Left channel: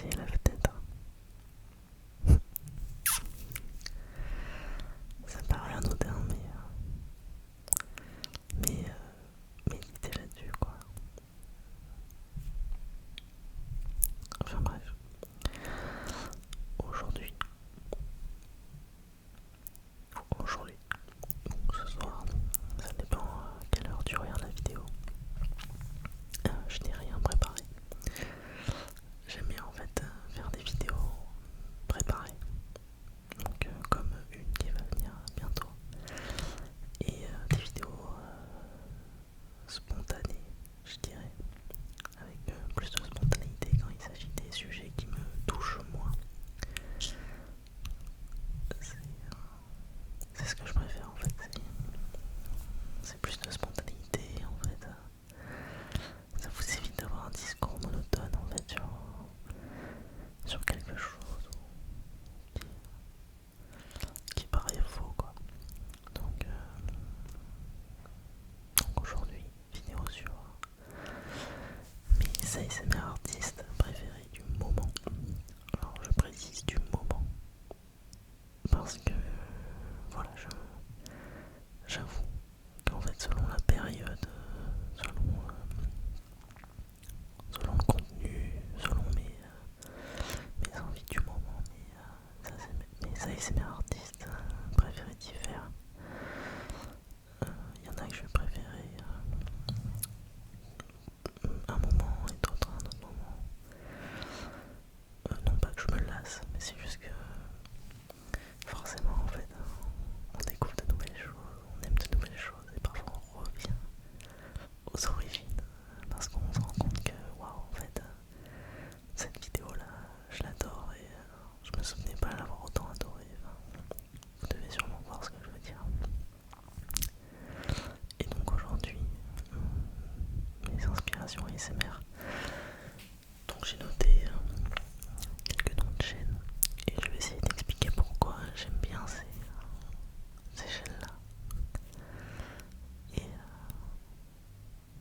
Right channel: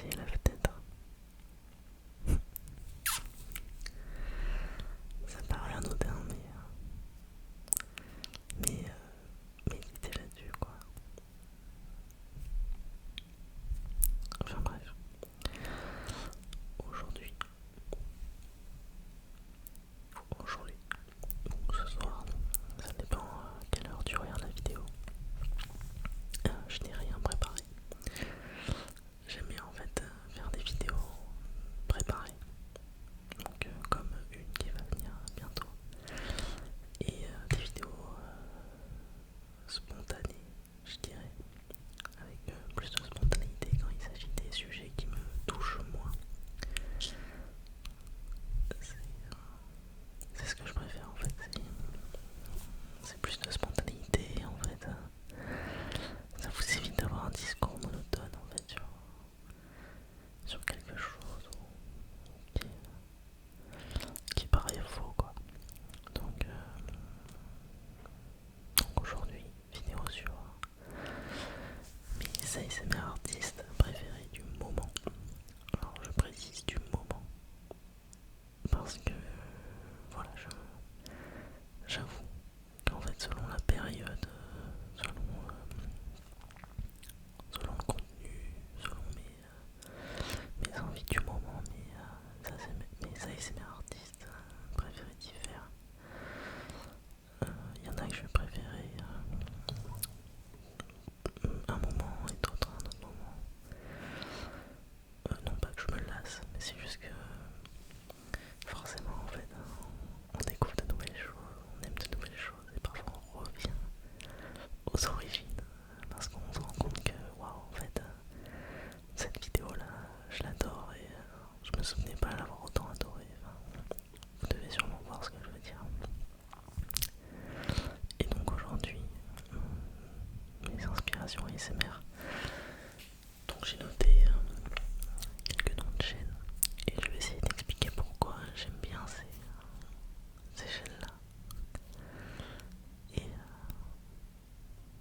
essayer la fenêtre. Ça paraît anodin, mais méditez là-dessus, quoi. Enfin bref. Aujourd'hui, ou ce soir, ça dépend à quelle heure tu regardes la vidéo. Je n'ai rien préparé. J'aime bien en fait faire des vidéos préparées. Donc comme une qui va venir bientôt. Et des vidéos spontanées, je dirais. Avec plus de spontanéité quand il s'agit des sujets qui me touchent moins. C'est ce que je préfère en fait. C'est plus de spontanéité en fait. Ça vous évite d'avoir un discours monotone en fait sur quelque chose qui paraît faux quoi. Donc aujourd'hui, vidéo sur mes ASMR artistes préférés du moment. Alors je précise du moment parce que voilà, j'avoue qu'en fait selon la période, selon le contenu, selon mes envies du moment, mes ASMR artistes préférés diffèrent. Il y en a que je vais préférer un moment et d'autres un autre moment. Non pas que je me lasse, mais c'est juste que forcément en fait on découvre de nouvelles choses, on aime de nouvelles choses et parfois on revient aux origines parce qu'on se rend compte que waouh en fait cette vidéo là je l'adore et je me souvenais pas l'avoir autant adoré. Enfin, vous devez sûrement voir ce que je veux dire. Et donc aujourd'hui mes inspirations ASMR. Donc j'ai noté quelques noms de chaînes et je vais essayer d'expliquer pourquoi j'aime bien ces chaînes-là.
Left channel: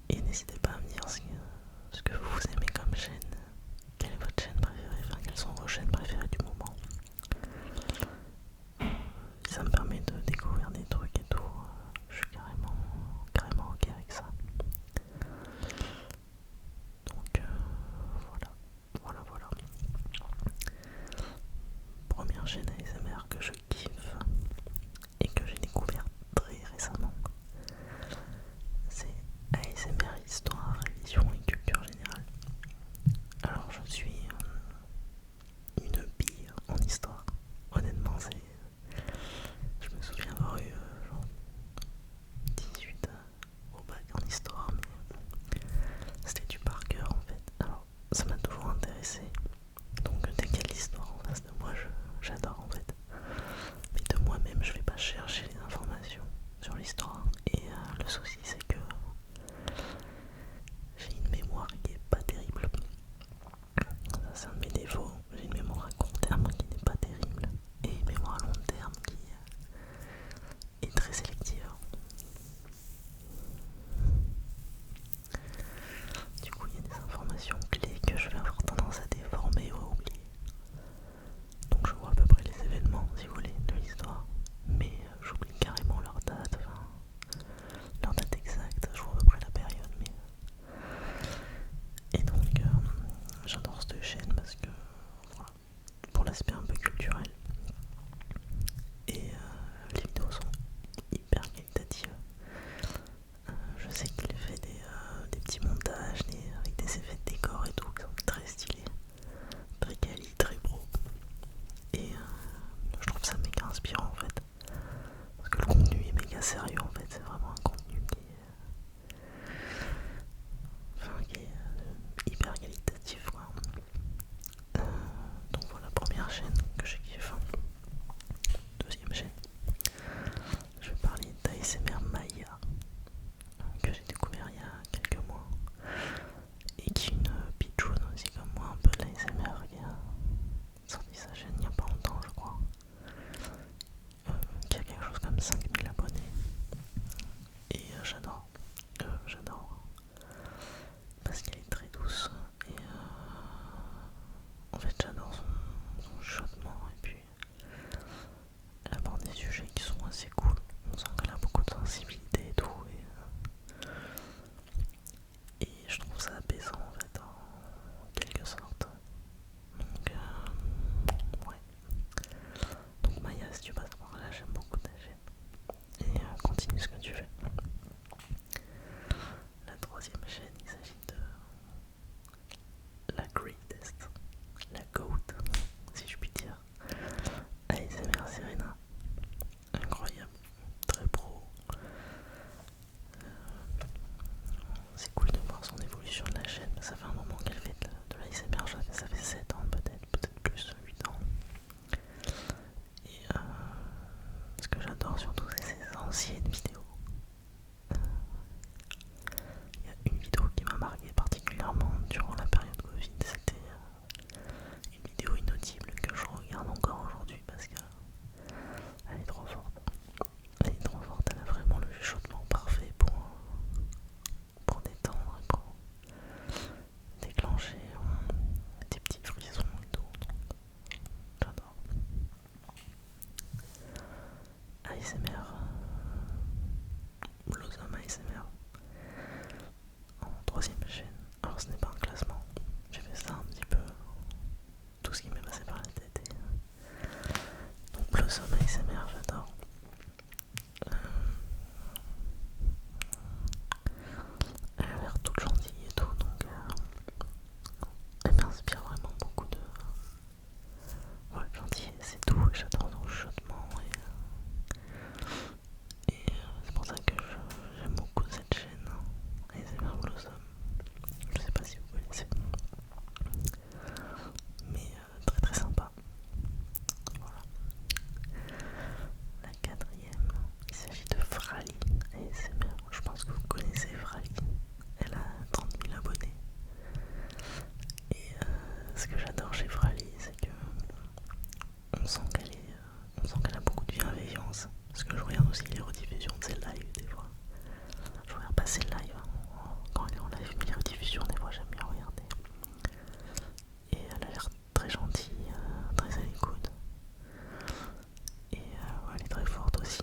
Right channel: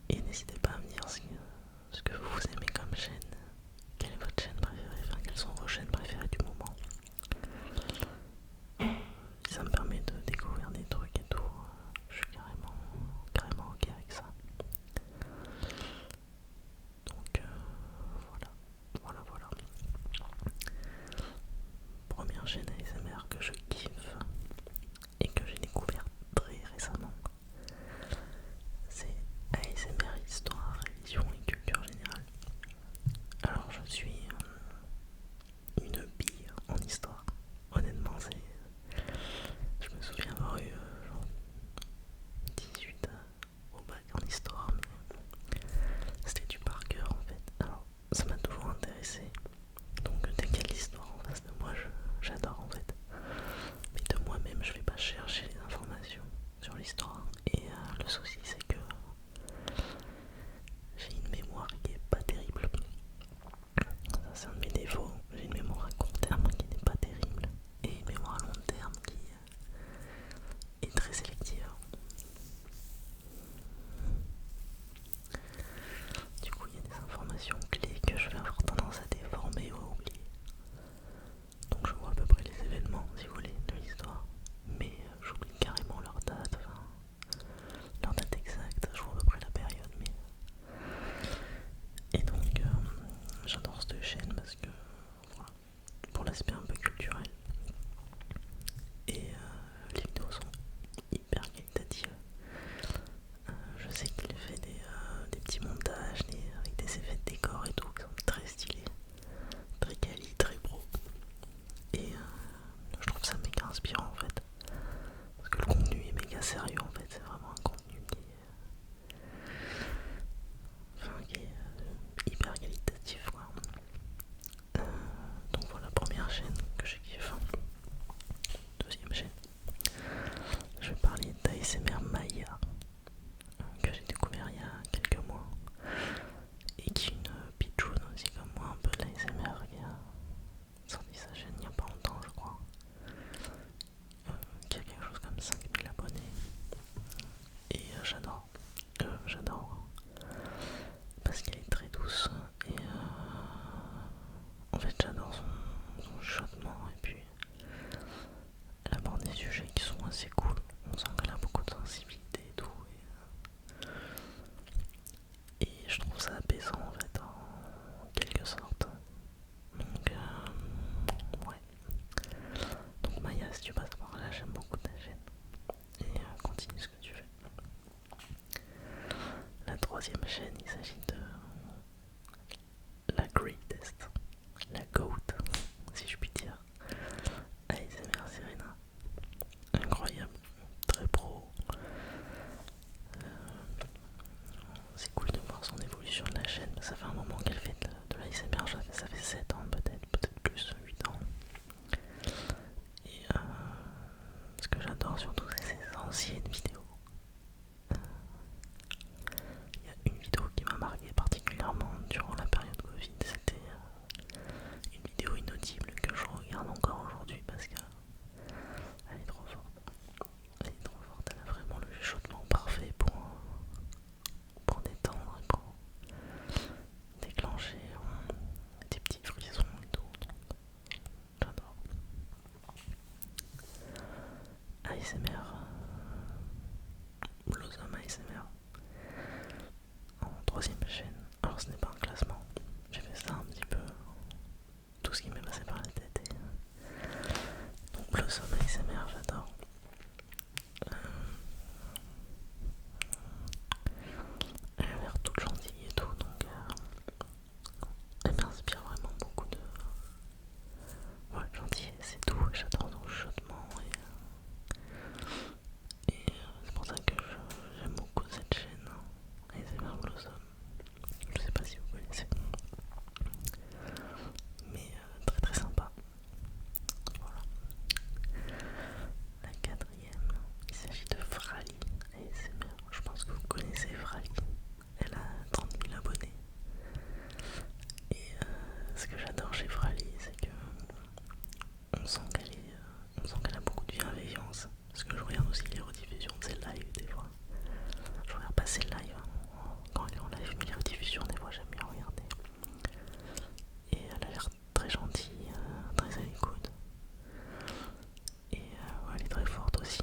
Et n'hésitez pas à me dire ce que vous aimez comme chaîne. Quelle est votre chaîne préférée, enfin quelles sont vos chaînes préférées du moment. Ça me permet de découvrir des trucs et tout. Je suis carrément ok avec ça. Donc voilà. Première chaîne ASMR que je kiffe et que j'ai découvert très récemment, c'est ASMR Histoire, Religion et Culture Générale. Alors je suis une bille en histoire. Honnêtement, je me souviens avoir eu genre 18 au bac en histoire, mais c'était du par cœur en fait. Alors ça m'a toujours intéressé. Donc dès qu'il y a de l'histoire en face de moi, j'adore en fait. Mais de moi-même, je vais pas chercher les informations sur l'histoire. Et le souci, c'est que j'ai une mémoire qui est pas terrible. Ça, c'est un de mes défauts. J'ai une mémoire à court terme qui n'est pas terrible. Et une mémoire à long terme qui est très sélective. Du coup, il y a des informations clés que je vais avoir tendance à déformer ou à oublier. Donc je vois à peu près les événements, si vous voulez, de l'histoire. Mais j'oublie carrément leur date exacte, je vois à peu près la période. Et donc j'adore cette chaîne parce que voilà, pour l'aspect un peu culturel. Et les vidéos sont hyper qualitatives. Je sais qu'il fait des petits montages avec des effets de décor et tout qui sont très stylés, très quali, très pro. Et je trouve ça méga inspirant en fait. Parce que le contenu est méga sérieux en fait, c'est vraiment un contenu qui est hyper qualitatif quoi. Donc voilà, première chaîne que je kiffe. En fait, j'adore son chuchotement et puis elle aborde des sujets qui sont assez cool. On sent qu'elle a beaucoup de sensibilité et tout. Et je trouve ça apaisant en fait, en quelque sorte. Donc, ouais. Donc, Maya, si tu passes par là, j'aime beaucoup ta chaîne. Et continue ce que tu fais. La troisième chaîne, il s'agit de la Greatest, la GOAT, si je puis dire. ASMR Serena. Incroyable, très pro. C'est cool de voir son évolution de la chaîne. Ça fait un moment qu'elle fait de l'ASMR, ça fait 7 ans peut-être plus, 8 ans. Et ce que j'adore surtout, c'est ses anciennes vidéos. Il y a une vidéo qui m'a marqué particulièrement durant la période Covid. C'était une vidéo inaudible que je regarde encore aujourd'hui parce qu'elle est trop forte. Elle est trop forte, elle a vraiment le chuchotement parfait pour détendre et pour déclencher des petits frissons et tout. Donc, j'adore. ASMR, Blossom ASMR, en troisième chaîne. Alors ce n'est pas un classement, j'ai fait ça un petit peu, tout ce qui m'est passé par la tête. Donc Blossom ASMR, j'adore. Elle a l'air toute gentille et tout, donc elle m'inspire vraiment beaucoup de gentillesse et tout. J'adore son chuchotement et c'est pour ça que j'aime beaucoup cette chaîne, ASMR Blossom. Je sais pas si vous connaissez, mais très très sympa. Voilà. La quatrième, il s'agit de Frali ASMR. Je pense que vous connaissez Frali. Elle a 30 000 abonnés. Et ce que j'adore chez Frali, c'est que on sent qu'elle a beaucoup de bienveillance. Parce que je regarde aussi les rediffusions de ses lives des fois. Je regarde pas ses lives quand elle est en live, mais les rediffusions des fois j'aime bien regarder. Et elle a l'air très gentille, très à l'écoute. Et elle est très forte aussi.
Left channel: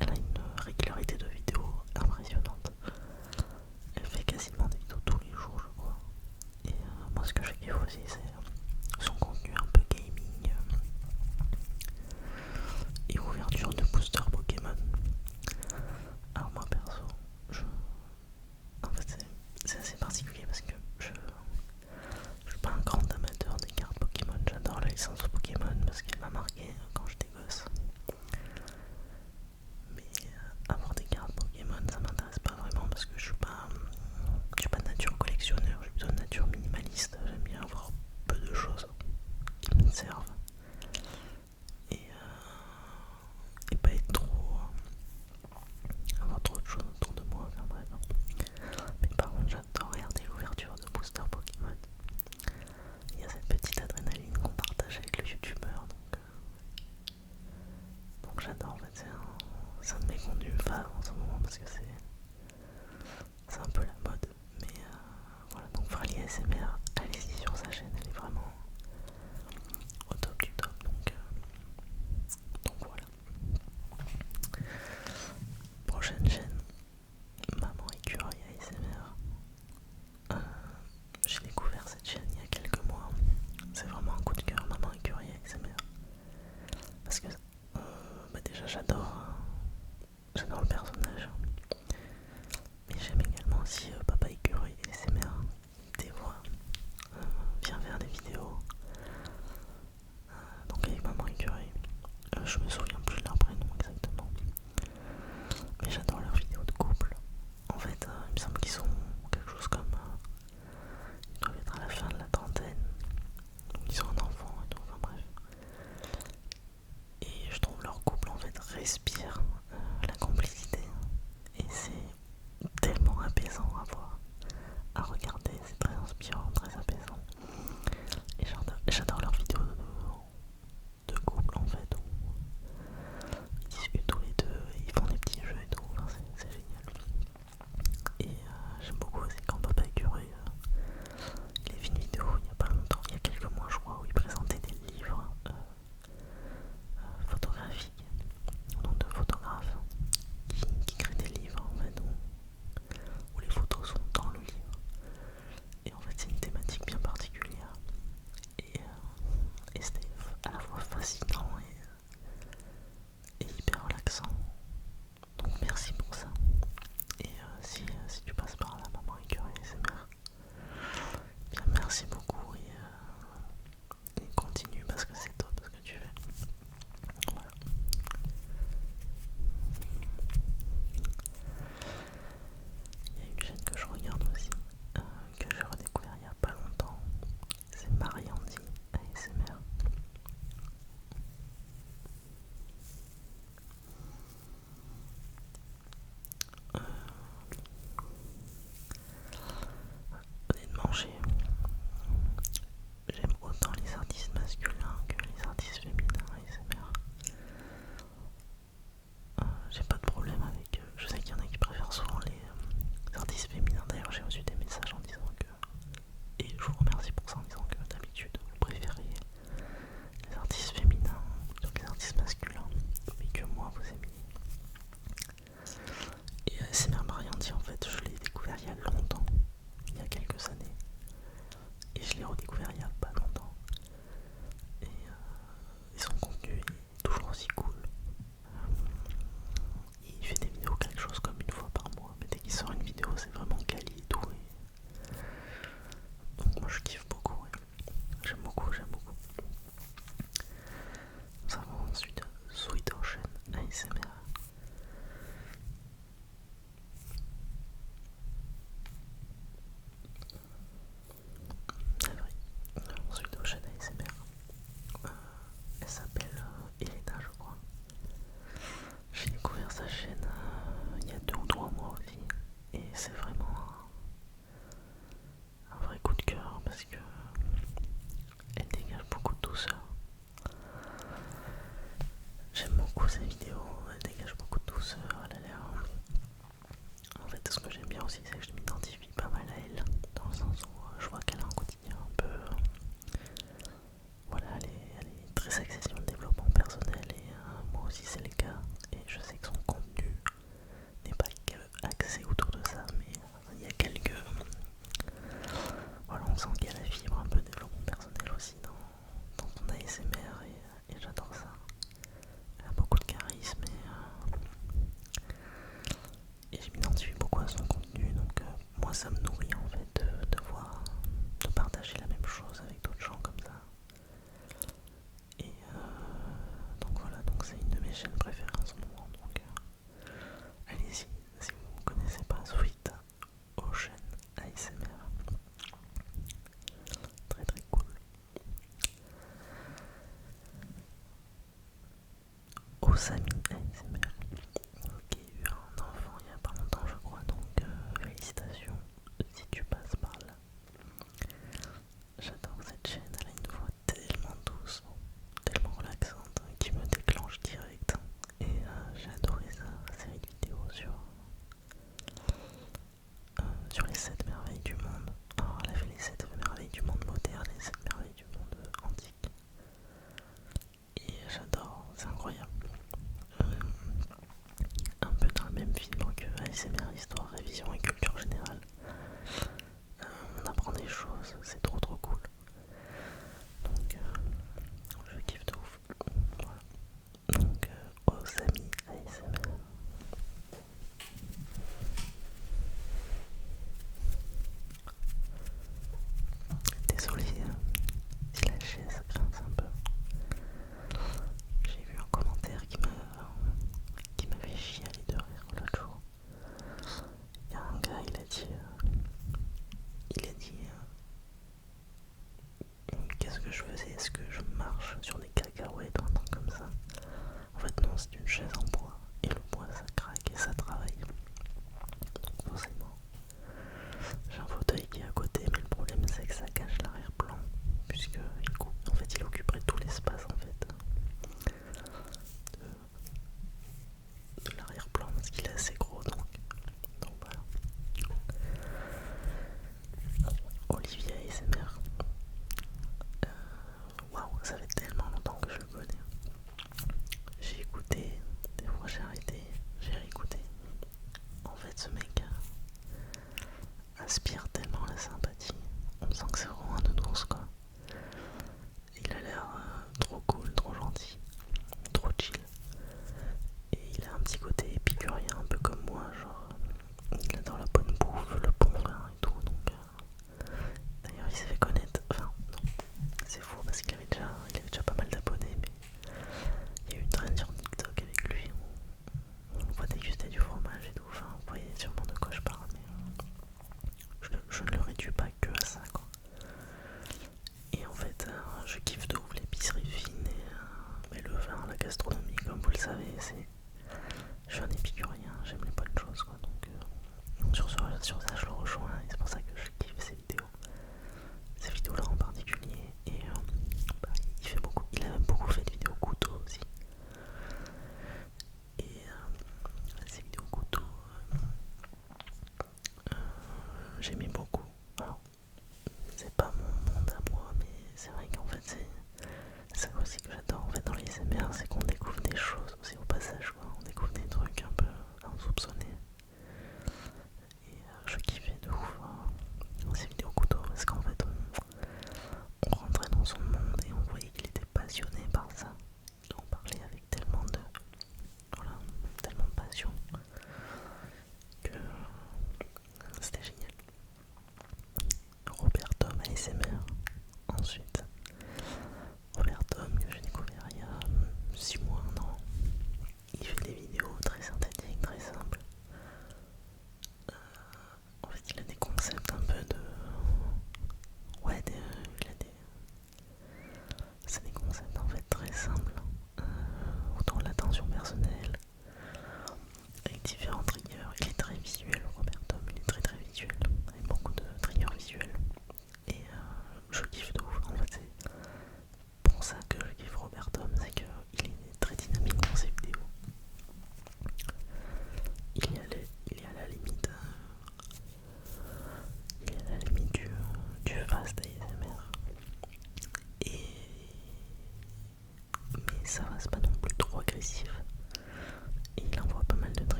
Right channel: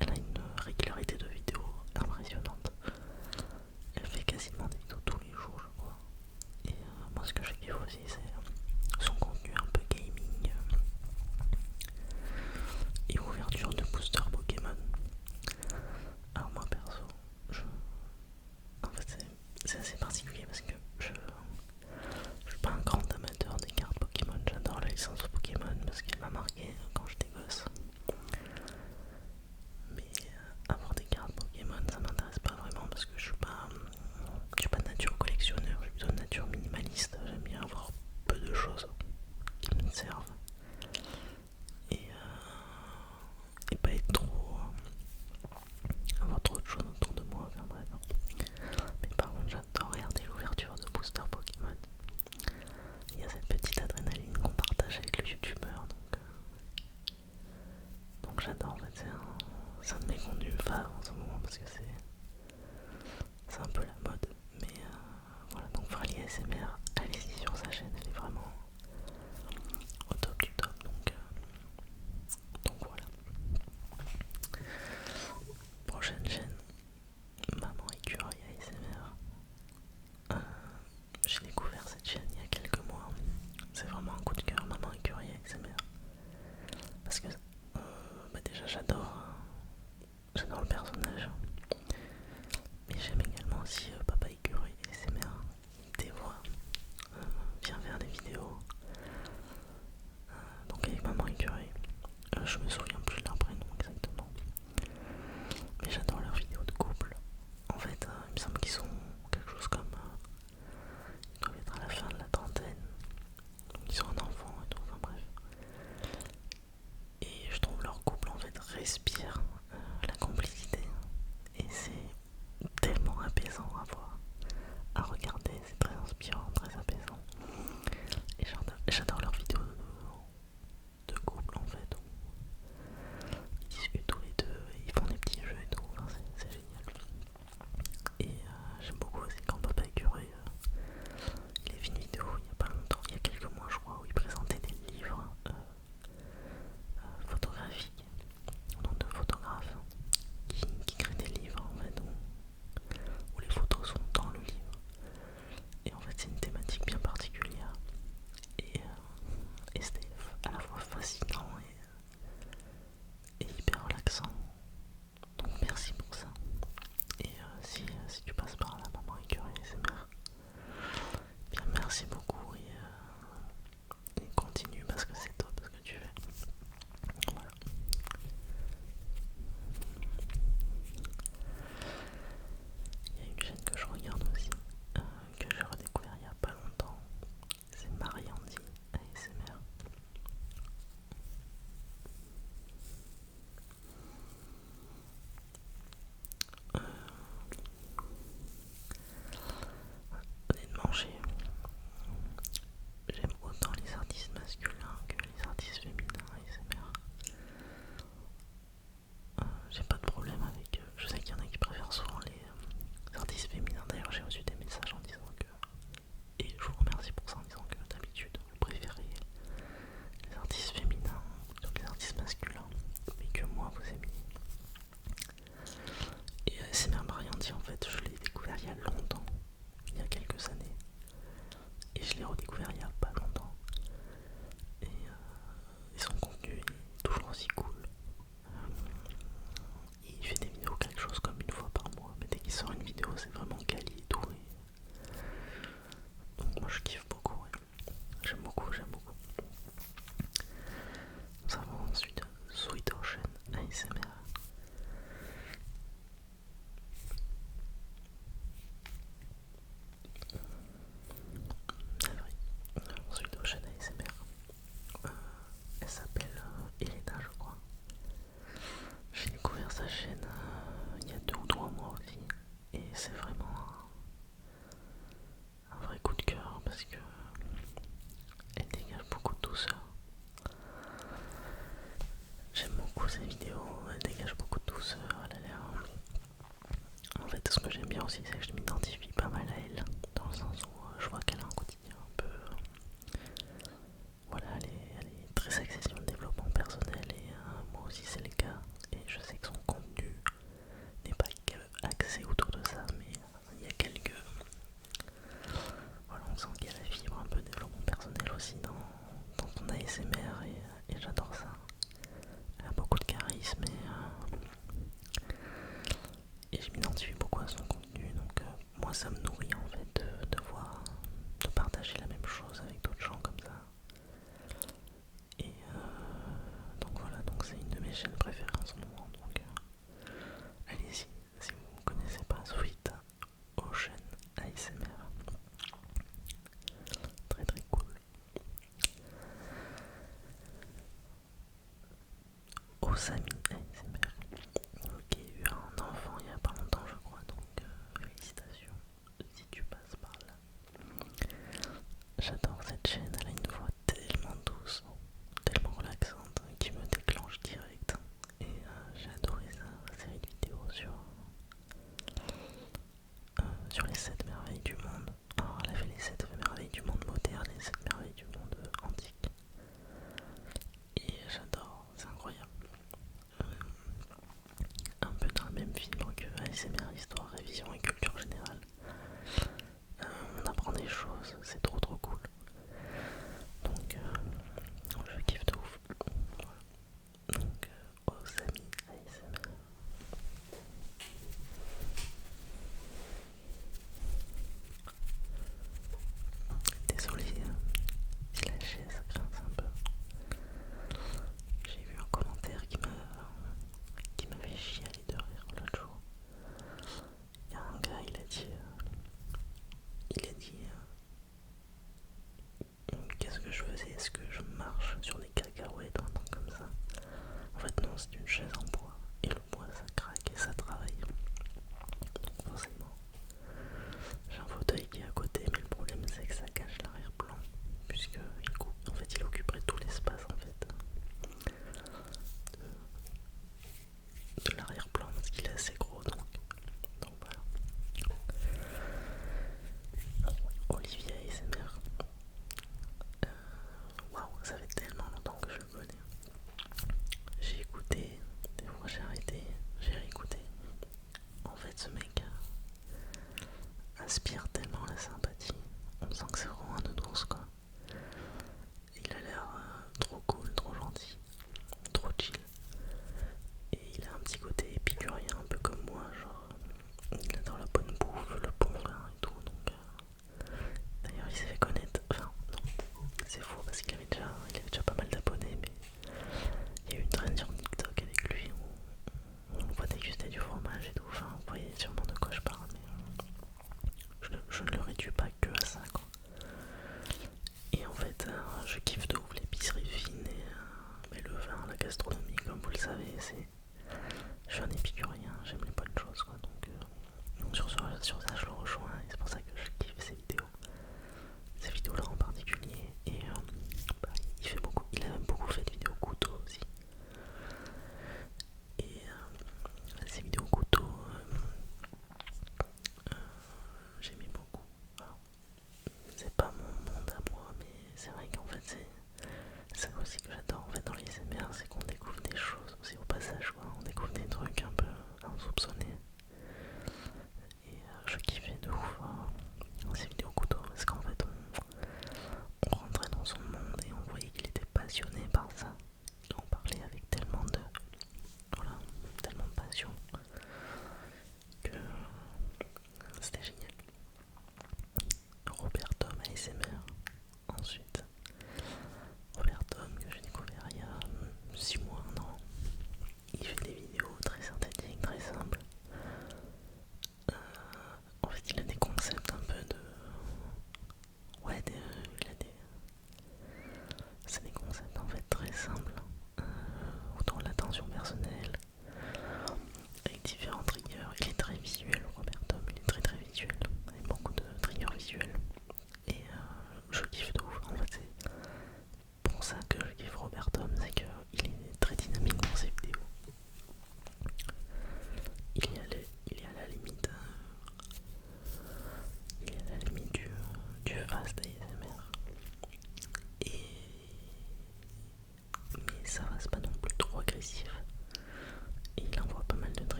Elle a une régularité de vidéos impressionnante. Elle fait quasiment des vidéos tous les jours, je crois. Et moi, ce que je kiffe aussi, c'est son contenu un peu gaming et ouverture de booster Pokémon. Alors, moi perso, en fait, c'est assez particulier parce que je suis pas un grand amateur des cartes Pokémon. J'adore la licence Pokémon parce qu'elle m'a marqué quand j'étais gosse. Mais avoir des cartes Pokémon, ça m'intéresse pas vraiment parce que je suis pas de nature collectionneur, je suis plutôt de nature minimaliste. J'aime bien avoir peu redécouvert il y a pas longtemps. Et son contenu est toujours aussi cool. Il fait des vidéos quelque chose comme une fois par mois, mais dès qu'il sort une vidéo c'est vraiment quali et tout. Donc moi je kiffe beaucoup, ouais. J'aime beaucoup, j'aime beaucoup. Nous avons ensuite Sweet Ocean ASMR. Sweet Ocean ASMR. Elle s'appelle Elena, je crois. J'ai découvert sa chaîne il y a 2 ou 3 mois aussi. Et c'est vraiment un vrai coup de cœur parce que elle dégage beaucoup de douceur. J'aime beaucoup ses vidéos, elle dégage beaucoup de douceur, elle a l'air... En fait, ce que j'aime bien aussi, c'est que je m'identifie pas mal à elle, dans le sens où je vois qu'elle a un quotidien un peu... Voilà, elle est très axée sur le développement personnel et moi aussi c'est le cas. Et je sais que son contenu n'est pas que axé autour de ça, mais il y a quelques... Voilà, on sent qu'il y a la fibre un peu développement personnel aussi dans son ASMR et j'adore ça. Elle a beaucoup de charisme et je m'identifie beaucoup à son contenu, donc moi ça me nourrit en fait de voir, de partager la même chose avec d'autres gens comme ça. Et donc voilà, donc c'est une de mes chaînes préférées en ce moment, donc allez-y, si vous ne connaissez pas Sweet Ocean ASMR, très très cool. Osami ASMR, qui a eu un enfant il y a pas longtemps je crois, donc félicitations si tu passes par là. J'adore cette chaîne, elle a une voix tellement douce, tellement relaxante, qui me déclenche direct. Et j'ai adoré sa série de vidéos sur les 7 merveilles du monde. Alors elle a fait les 7 merveilles du monde moderne et les 7 merveilles du monde antique. Et j'adore, c'est incroyable. Un peu dans le même film que ASMR, histoire, révision et culture générale. On apprend des choses, c'est trop trop cool. Donc je kiffe de ouf. Voilà. Donc Osami ASMR. Désolé si la chaise grince un peu. J'ai vu un commentaire qui m'a fait chialer de rire l'autre jour. Il y a un gars, il a dit qu'est-ce que je faisais? Est-ce que je marche sur des cacahuètes ou un truc comme ça? En fait non, c'est une chaise en bois et le bois ça craque et ça travaille. Donc forcément, j'ai un fauteuil qui est à côté, mais le problème c'est que ça cache l'arrière-plan puisque en fait il occuperait tout l'espace en fait de l'arrière-plan parce qu'il est assez gros, donc voilà. Olivier ASMR. Waouh, ça fait tellement longtemps que je le connais. J'ai écouté, des fois j'ai arrêté, j'ai réécouté. En fait, ce mec aspire tellement la sympathie. On sent que c'est vraiment un nounours quoi. Il a l'air trop cool, trop gentil, trop chill. Et il a un petit côté épicurien, un peu comme moi, genre il adore la bonne bouffe, le bon vin et tout. Donc, d'ailleurs, il s'est fait connaître. Enfin, non, c'est faux parce qu'il avait déjà pas mal d'abonnés, mais il y a eu une traîne sur TikTok avec lui où on le voit déguster du fromage et tout. Enfin, vous voyez sûrement de quoi je parle, mais je ne le réduis pas que à ça, quoi. Et en fait, je kiffe de ouf l'épicerie fine et le vin, la gastronomie, comme vous le savez, je suis un épicurien, j'aime les bonnes choses, quoi. Donc sur ça, je le rejoins et c'est pour ça que je kiffe ces vidéos-là en particulier. Et bah, il a même beaucoup fait de vidéos couteaux aussi. Et ces vidéos couteaux, j'aimais beaucoup. Alors, c'est pas mon monde à moi, mais c'est vrai qu'en fait, c'est ça aussi que j'adore en fait dans les SMR, c'est qu'on découvre des choses aussi au passage, quoi. On découvre des trucs un peu insoupçonnés. Et je kiffais de ouf ces vidéos couteaux parce qu'en fait,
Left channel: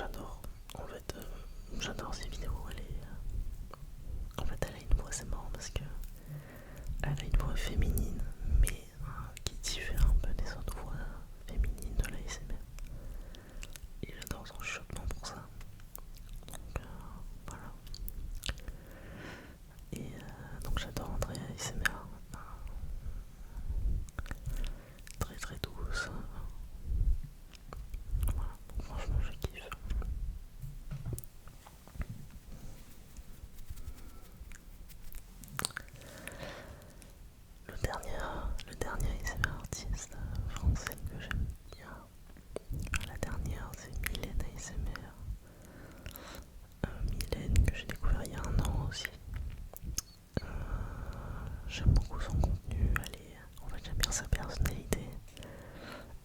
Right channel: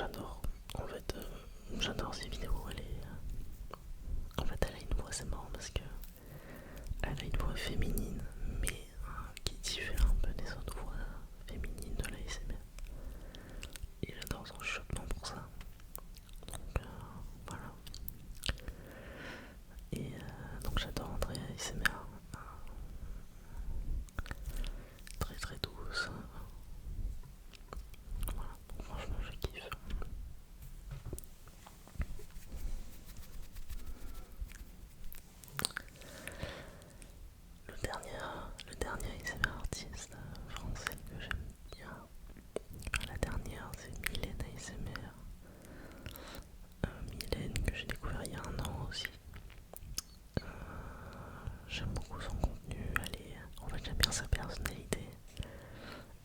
j'adore. En fait, j'adore ces vidéos. En fait, elle a une voix, c'est marrant parce que elle a une voix féminine, mais qui diffère un peu des autres voix féminines de l'ASMR. Et j'adore son chuchotement pour ça. Donc voilà. Et donc j'adore Andrea ASMR. Très très douce. Voilà, donc franchement je kiffe. Le dernier ASMR artiste français que j'aime bien. La dernière c'est Mylène ASMR. Mylène que j'ai découvert il y a un an aussi. J'aime beaucoup son contenu, en fait j'aime bien sa personnalité.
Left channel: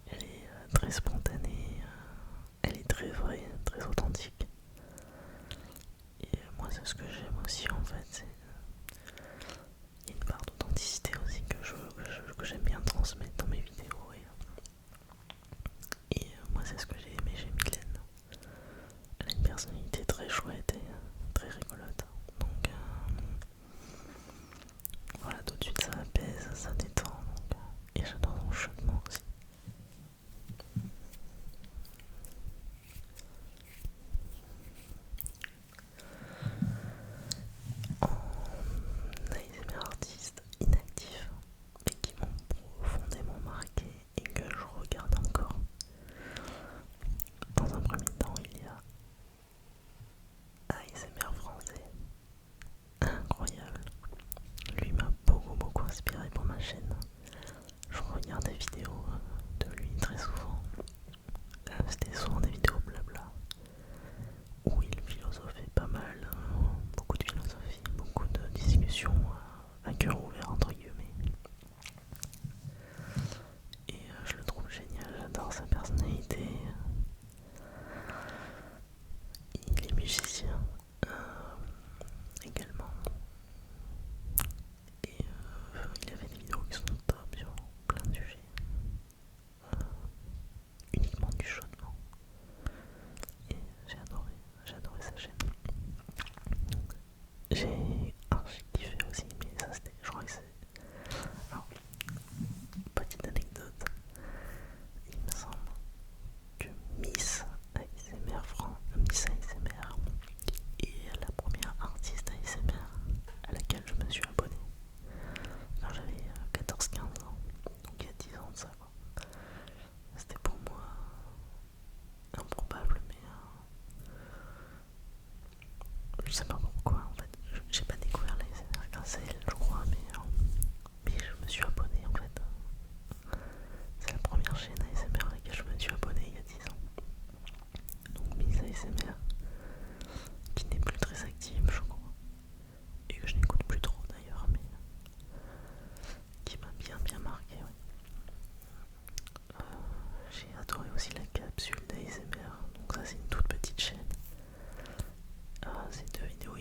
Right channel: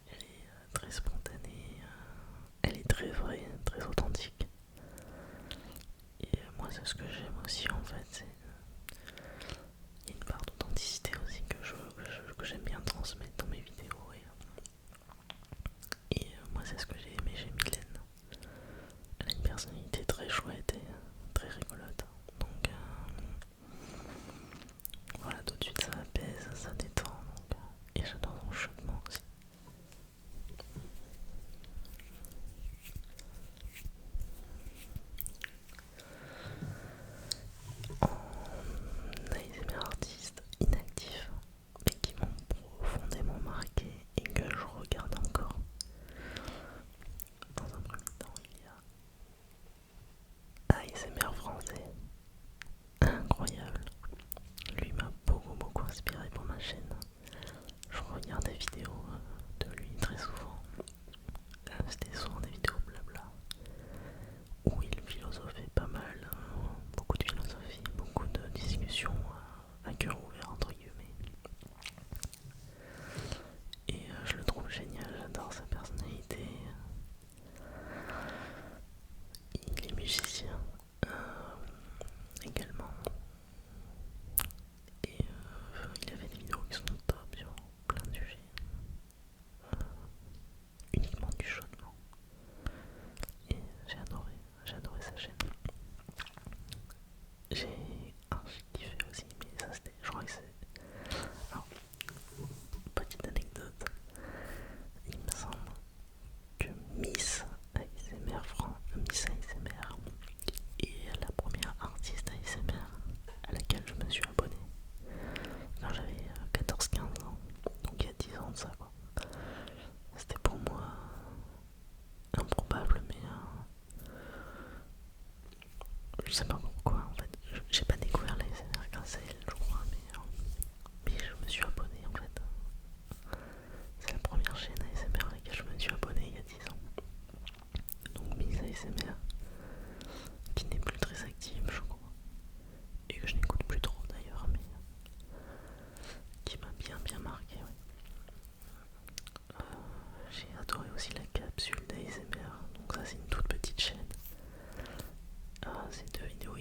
Elle est très spontanée, elle est très vraie, très authentique. Et moi c'est ce que j'aime aussi en fait, il y a une part d'authenticité aussi que j'aime bien transmettre dans mes vidéos. Et moi c'est ce que j'ai aimé chez Mylène. Elle a une personnalité très chouette et très rigolote. Donc voilà, tout de suite ça apaise, ça détend. Et j'adore son chuchotement aussi. En ASMR artiste inactif, mais qui m'ont profondément marqué et que je regarde encore. Dans un premier temps, il y a ASMR français, incroyable. Lui m'a beaucoup inspiré pour ma chaîne. Je regarde des vidéos de lui très souvent. C'était souvent des vidéos blabla où il philosophait pas mal, beaucoup de philosophie, beaucoup de discussions à cœur ouvert entre guillemets. Et je le trouve génial, j'adore sa personnalité. Il est musicien également. Et il a fait des vidéos qui sont top sur plein de sujets. Uniquement du chuchotement. Et j'ai adoré sa chaîne. J'ai kiffé aussi, mais ça c'était, je crois que c'est... Alors, petite anecdote, il me semble que Miss ASMR est la première artiste ASMR à laquelle je me suis abonné quand j'avais 14-15 ans, donc il y a 10 ans de ça quoi. C'était pour moi improbable, mais je sais pas pourquoi en fait. J'ai pas découvert l'ASMR grâce à elle, je crois, mais je me suis abonné en fait. C'est la première chaîne ASMR à laquelle je me suis abonné il y a 10 ans. Donc Miss ASMR, qui n'est plus très active je crois, et que je n'écoute plus trop d'ailleurs, mais qui m'a bien marqué. Ouais. J'ai adoré aussi la capsule d'ASMR, donc ça c'est une toute petite chaîne. C'est 2 vidéos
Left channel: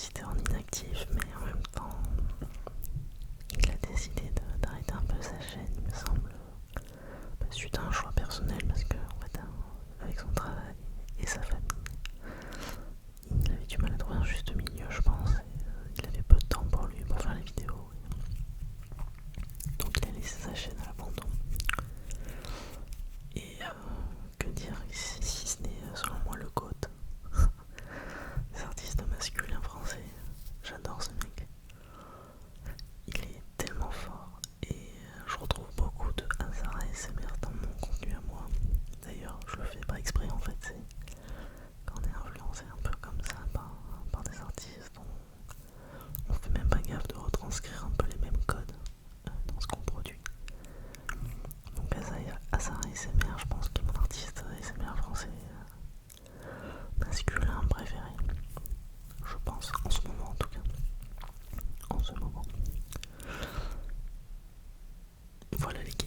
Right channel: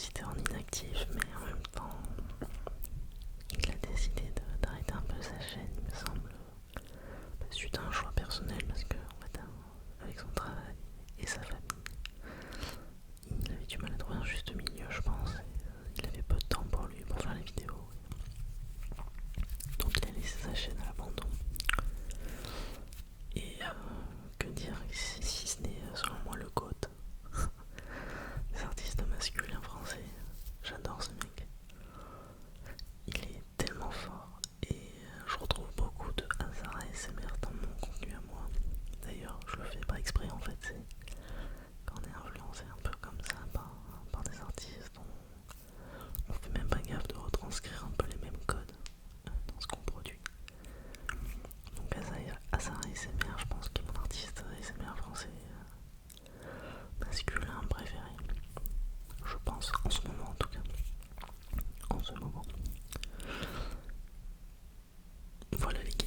auditeur inactif, mais en même temps, il a décidé d'arrêter un peu sa chaîne, il me semble, suite à un choix personnel, parce que en fait, avec son travail et sa famille, il avait du mal à trouver un juste milieu, je pense, et il avait peu de temps pour lui pour faire les vidéos. Donc il a laissé sa chaîne à l'abandon. Et que dire ici, si ce n'est selon moi le GOAT des artistes masculins français. J'adore ce mec. Il est tellement fort et je retrouve beaucoup de hasard ASMR dans mon contenu à moi. D'ailleurs, je le fais pas exprès en fait, c'est quand on est influencé un peu comme ça par des artistes, on fait même pas gaffe de retranscrire un peu les mêmes codes dans ce qu'on produit. Donc Azar ASMR, je pense qu'il est mon artiste ASMR français masculin préféré. Je pense, en ce moment en tout cas. En ce moment. Voilà les gars.